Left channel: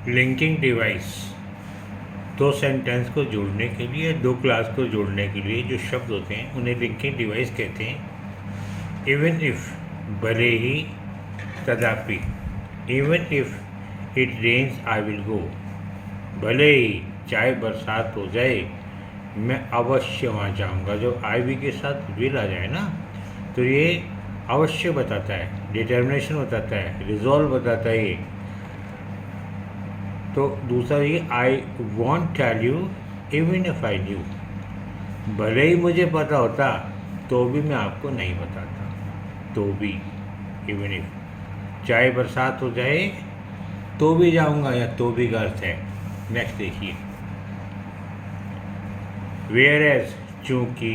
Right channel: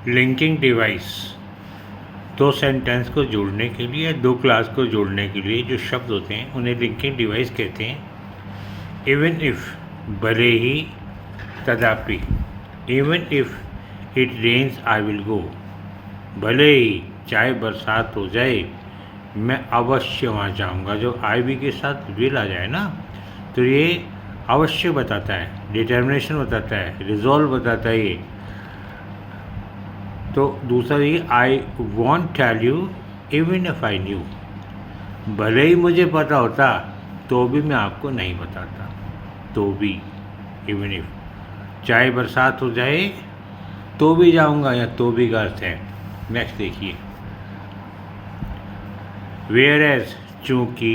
Linking device दो sentence को जोड़ने के लिए, दो क्लास को जोड़ने के लिए जो शब्द होते हैं उन्हें लिंकिंग डिवाइस कहते हैं। इवन इफ, भले ही, तथापि, even if it rains I will go, भले ही चाहे बरसात हो जाए मैं अवश्य वहाँ जाऊँगा। जो आई भी के साथ विल आ जाए ना तो ये अवश्य बताता है, डिटर्मिनेशन बताता है, रिजॉल्व बताता है ये। तो दूसरा ये I won't tell you even if I knew, भले ही मुझे पता होता तो भी मैं आपको नहीं बताता। तो भी, इवन इफ, चाहे बरसात हो जाए तो भी जाऊंगा, या तो भी का अर्थ है। नेक्स्ट देखिए, वेयर एज, चूंकि,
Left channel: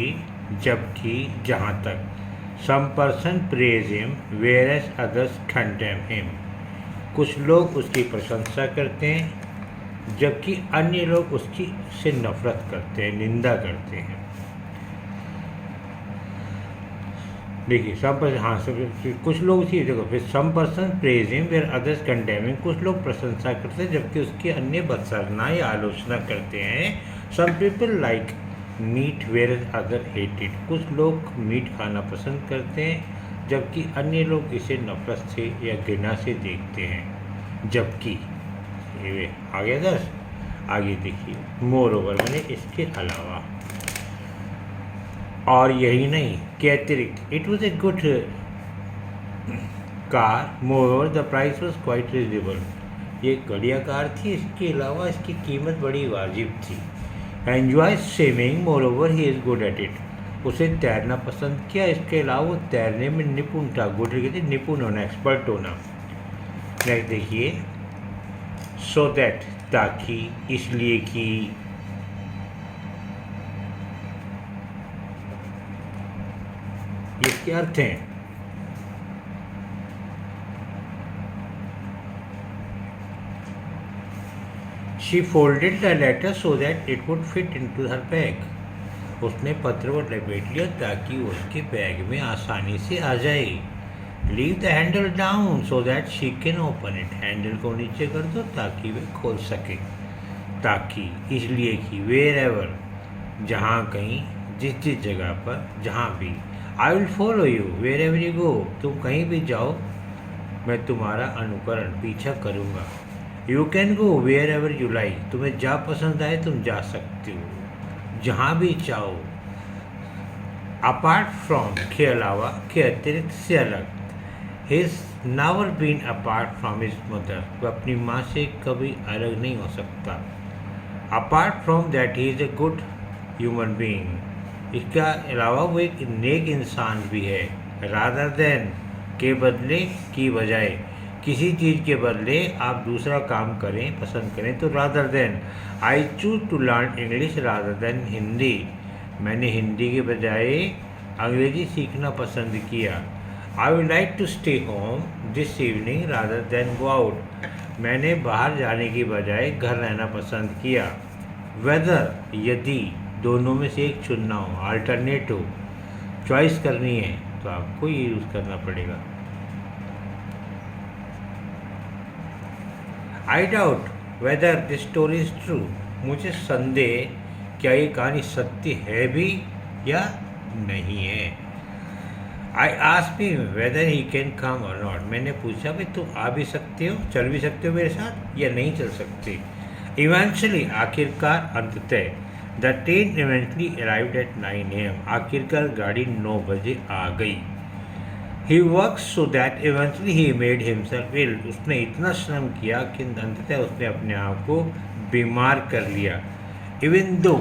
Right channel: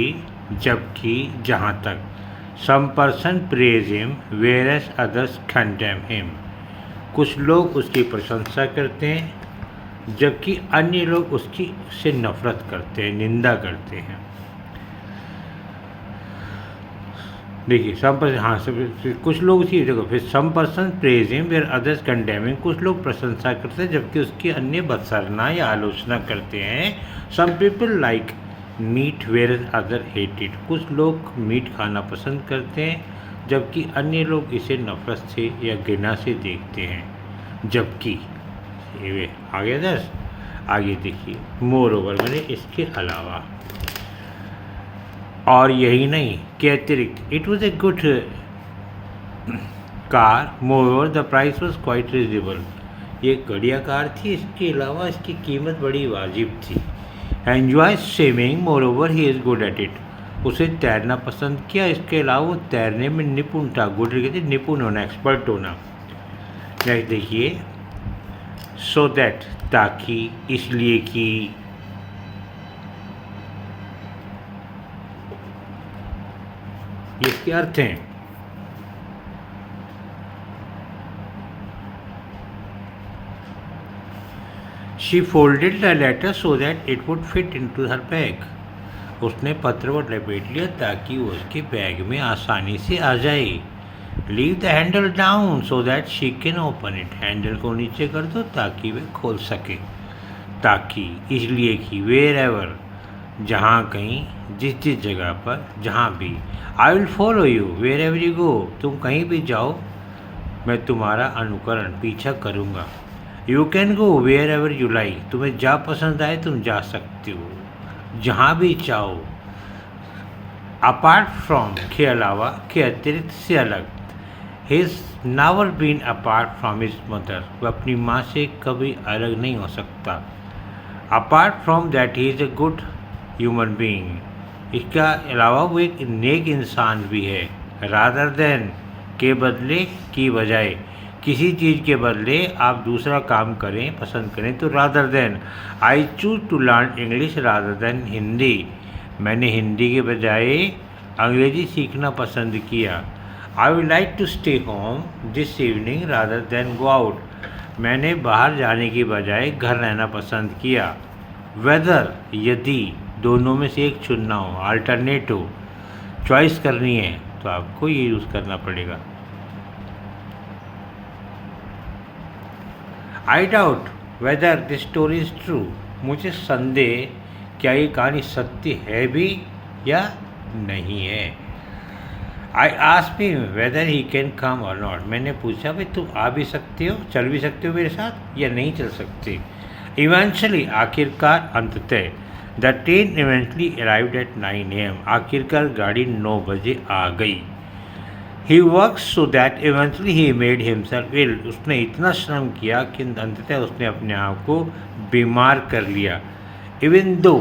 जबकि, जहाँ तक। Some person praise him whereas others condemn him, कुछ लोग उसकी प्रशंसा करते हैं जबकि अन्य लोग उसकी से नफरत करते हैं, निंदा करते हैं। देखिए सम पर्सन, हाँ सब कुछ लोग थी, देखो फिर some person praise him where others condemning, कुछ लोग प्रशंसा करते हैं जबकि उसकी अन्य बदसरना या आलोचना करते हैं। Some people like meat where other hate it, कुछ लोग मीट खाना पसंद करते हैं जबकि अन्य लोग इसे नफरत से या घृणा से देखते हैं। जबकि ये आगे 10, आगे देखिए, मोर ओवर मैंने इसके अलावा, और यही नहीं के अतिरिक्त, it was a good car, more over the price was quite reasonable, ये बढ़िया कार थी, इसके अलावा इसकी कीमत बड़ी वाजिब थी। Enjoy swimming, more over he is good at it, उसे तैरना पसंद किया, इसके अलावा वो तैरने में निपुण था। गुड कहते निपुण होना, एक्सपर्ट होना। नेक्स्ट देखिए, सो दैट, ताकि, इसलिए कि, इसके अर्थ हैं। She folded the letter so that it would fit into her bag, उसने पत्र को लपेट लिया ताकि वो उसके बैग में आसानी से आ जाए। Leave the handle down so that she can open it, handle को नीचे कर दो ताकि वे खोल सके। ताकि, इसलिए कि, वेयर एवर, जहाँ कहीं, जिस जिस जगह पर, जहाँ भी। I will follow you wherever you go, तुम कहीं भी जाओ मैं तुम्हारा अनुकरण, पीछा करूँगा। You can go wherever you like, तुम्हें जहाँ पसंद आए तुम जा सकते हो, जहाँ भी चाहो। अपार्ट फ्रॉम, के अलावा, के अतिरिक्त, से अलग। His never been apart from his mother, वह अपनी माँ से कभी अलग नहीं हो सकता। Apart from that he is a good human being, इसका अलावा वो एक नेक इंसान भी है। रादर देन, के बदले, की बजाय, किसी चीज़ के बदले आप दूसरा काम करें, पसंद करें तो rather than. I choose to learn English rather than Hindi, मैंने हिंदी के बजाय अंग्रेजी सीखना पसंद किया। I would like to stay home this evening rather than go out, मैंने बाहर जाने के बजाय घर रहना पसंद किया। वेदर, यदि, दोनों में से एक चुनना हो, अल्टरनेट हो, चॉइस करनी है तो आपको ये यूज़ करना पड़ेगा। I doubt whether this story is true, मुझे संदेह क्या ये कहानी सत्य है भी या नहीं है। I asked him weather he can come और नॉट, मैंने पूछा भाई तुम आ भी सकते हो, चल भी सकते हो मेरे साथ या नहीं चल सकते। इवेंचुअली, आखिरकार, अंततः। The train eventually arrived at 9 AM, आखिरकार गाड़ी 9 बजे आ गई। He work so that eventually he made himself ill, उसने इतना श्रम किया कि अंततः उसने अपने आप को बीमार कर लिया। इवन दो,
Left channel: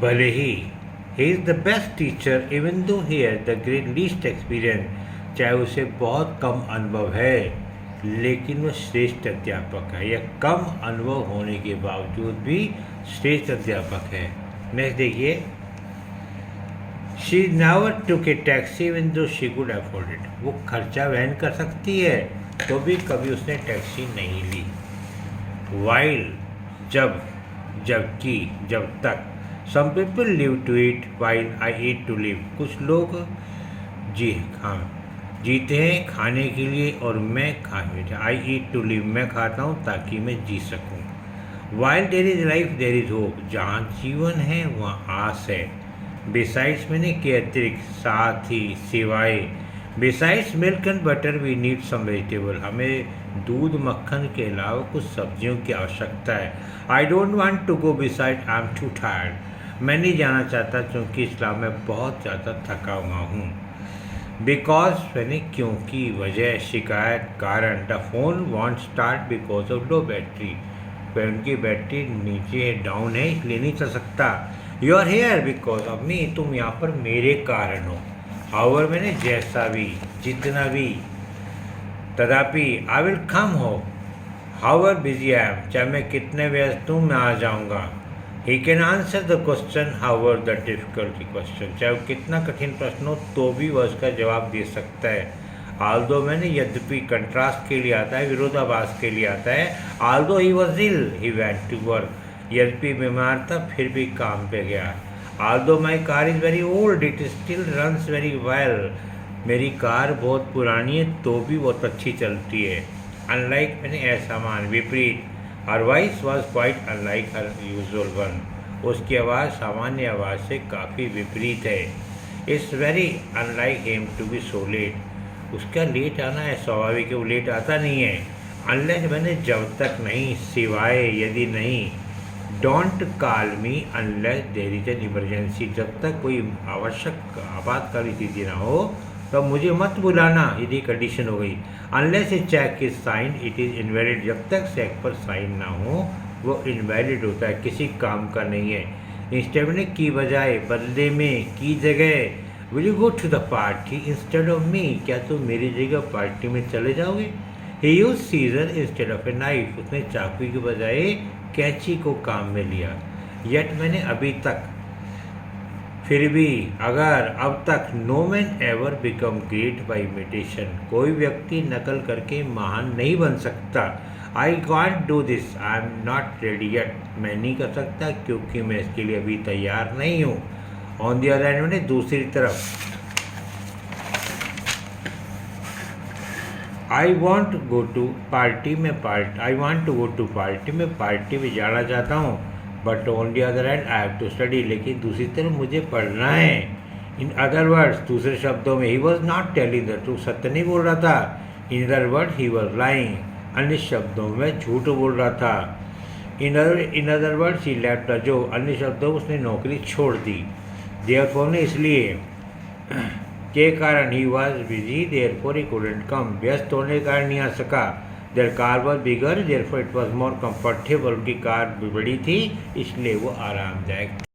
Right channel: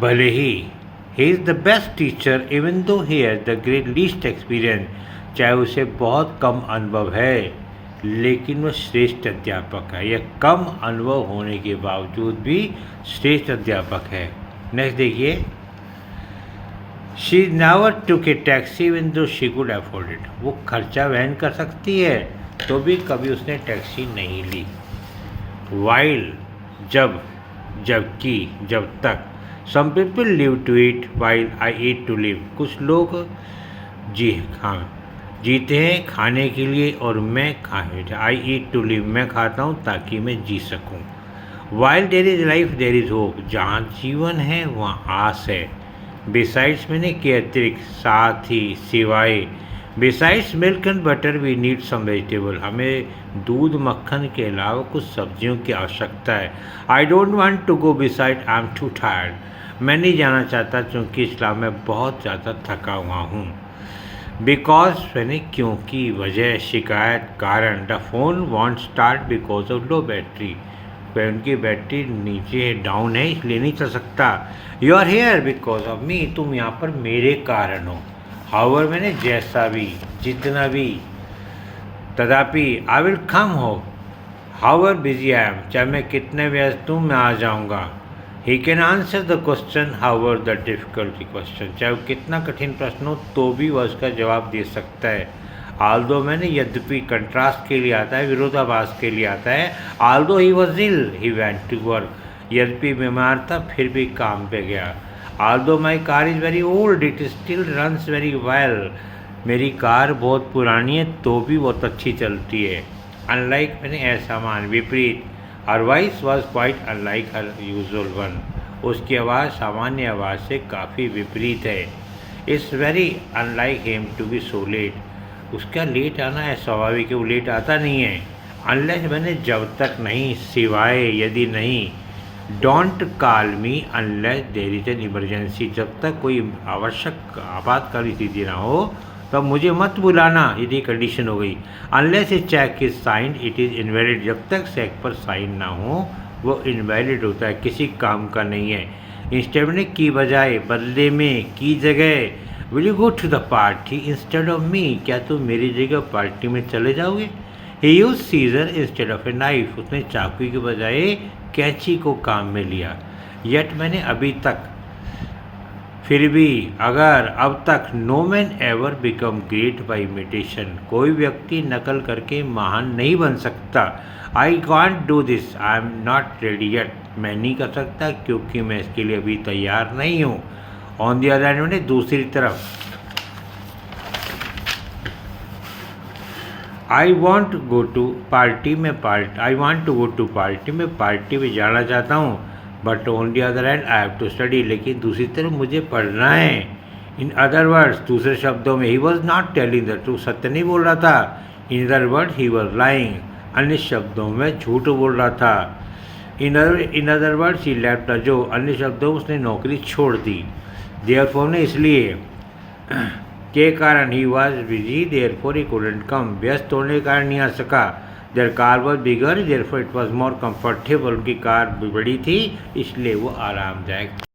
भले ही, he is the best teacher even though he has the great least experience, चाहे उसे बहुत कम अनुभव है लेकिन वह श्रेष्ठ अध्यापक है, या कम अनुभव होने के बावजूद भी श्रेष्ठ अध्यापक है। नेक्स्ट देखिए, she never took A taxi even though she could afford it, वो खर्चा वहन कर सकती है तो भी कभी उसने टैक्सी नहीं ली। वाइल, जब, जबकि, जब तक। Some people live to eat while I eat to live, कुछ लोग, जी हाँ, जीते हैं खाने के लिए और मैं आई ईट टू लिव, मैं खाता हूँ ताकि मैं जी सकूँ। While there is life there is hope, जहाँ जीवन है वहाँ आस है। बिसाइड्स मैंने के अतिरिक्त, साथ ही, सिवाय। Besides milk and butter we need some vegetable, हमें दूध मक्खन के अलावा कुछ सब्जियों की आवश्यकता है। I don't want to go beside, I am too tired, मैं नहीं जाना चाहता क्योंकि इस्लाम में बहुत ज़्यादा थका हुआ हूँ। बिकॉज मैंने क्योंकि, वजह, शिकायत, कारण। The phone won't start because of low battery, phone की बैटरी नीचे डाउन है इसलिए नहीं चल सकता। You are here because of me, तुम यहाँ पर मेरे कारण हो। हाउएवर मैंने जैसा भी, जितना भी, तथापि। आई विल कम हो, हाउएवर बिजी आई एम, चाहे मैं कितने व्यस्त हूँ मैं आ जाऊँगा। He can answer the question however the difficulty question, चाहे वो कितना कठिन प्रश्न हो तो भी वह उसका जवाब दे सकता है। आल्दो मैंने यद्यपि कंट्रास्ट के लिए आता है, विरोधाभास के लिए आता है। Although he was ill he went to work, यद्यपि बीमार था फिर भी काम पे गया। Although my car is very old it still runs very well, मेरी कार बहुत पुरानी है तो भी बहुत अच्छी चलती है। अनलाइक मैंने असमान, विपरीत। Her voice was quite unlike her usual one, उसकी आवाज़ सामान्य आवाज़ से काफ़ी विपरीत है। It's very unlike him to be so late, उसका लेट आना है स्वाभाविक है, वो लेट आता नहीं है। अनलेस मैंने जब तक नहीं, सिवाय, यदि नहीं। Don't call me unless there is an emergency, जब तक कोई आवश्यक आपातकाली स्थिति ना हो तब मुझे मत बुलाना, यदि कंडीशन हो गई। Unless a cheque is sign it is invalid, जब तक चेक पर साइन ना हो वो इनवैलिड होता है, किसी काम का नहीं है। इंस्टेड में की बजाय, बदले में, की जगह। Will you go to the party instead of me, क्या तुम मेरी जगह पार्टी में चले जाओगे। He use scissor instead of a knife, उसने चाकू के बजाय कैंची को काम में लिया। येट मैंने अभी तक, फिर भी, अगर, अब तक। No man ever become great by imitation, कोई व्यक्ति नकल करके महान नहीं बन सकता। I can't do this, I am not ready yet, मैं नहीं कर सकता क्योंकि मैं इसके लिए अभी तैयार नहीं हूँ। ऑन द अदर हैंड मैंने दूसरी तरफ, I want go to party में I want to go to party में पार्टी में जाना चाहता हूँ। But on the other hand I have to study, लेकिन दूसरी तरफ मुझे पढ़ना है। इन अदर वर्ड्स, दूसरे शब्दों में, he was not telling the truth, सत्य नहीं बोल रहा था। In other word he was lying, अन्य शब्दों में झूठ बोल रहा था। In other words he left the job, अन्य शब्दों उसने नौकरी छोड़ दी। देयरफॉर ने इसलिए, के कारण, he was busy therefore he couldn't come, व्यस्त होने के कारण नहीं आ सका। Their car was bigger therefore it was more comfortable, उनकी कार बड़ी थी इसलिए वो आरामदायक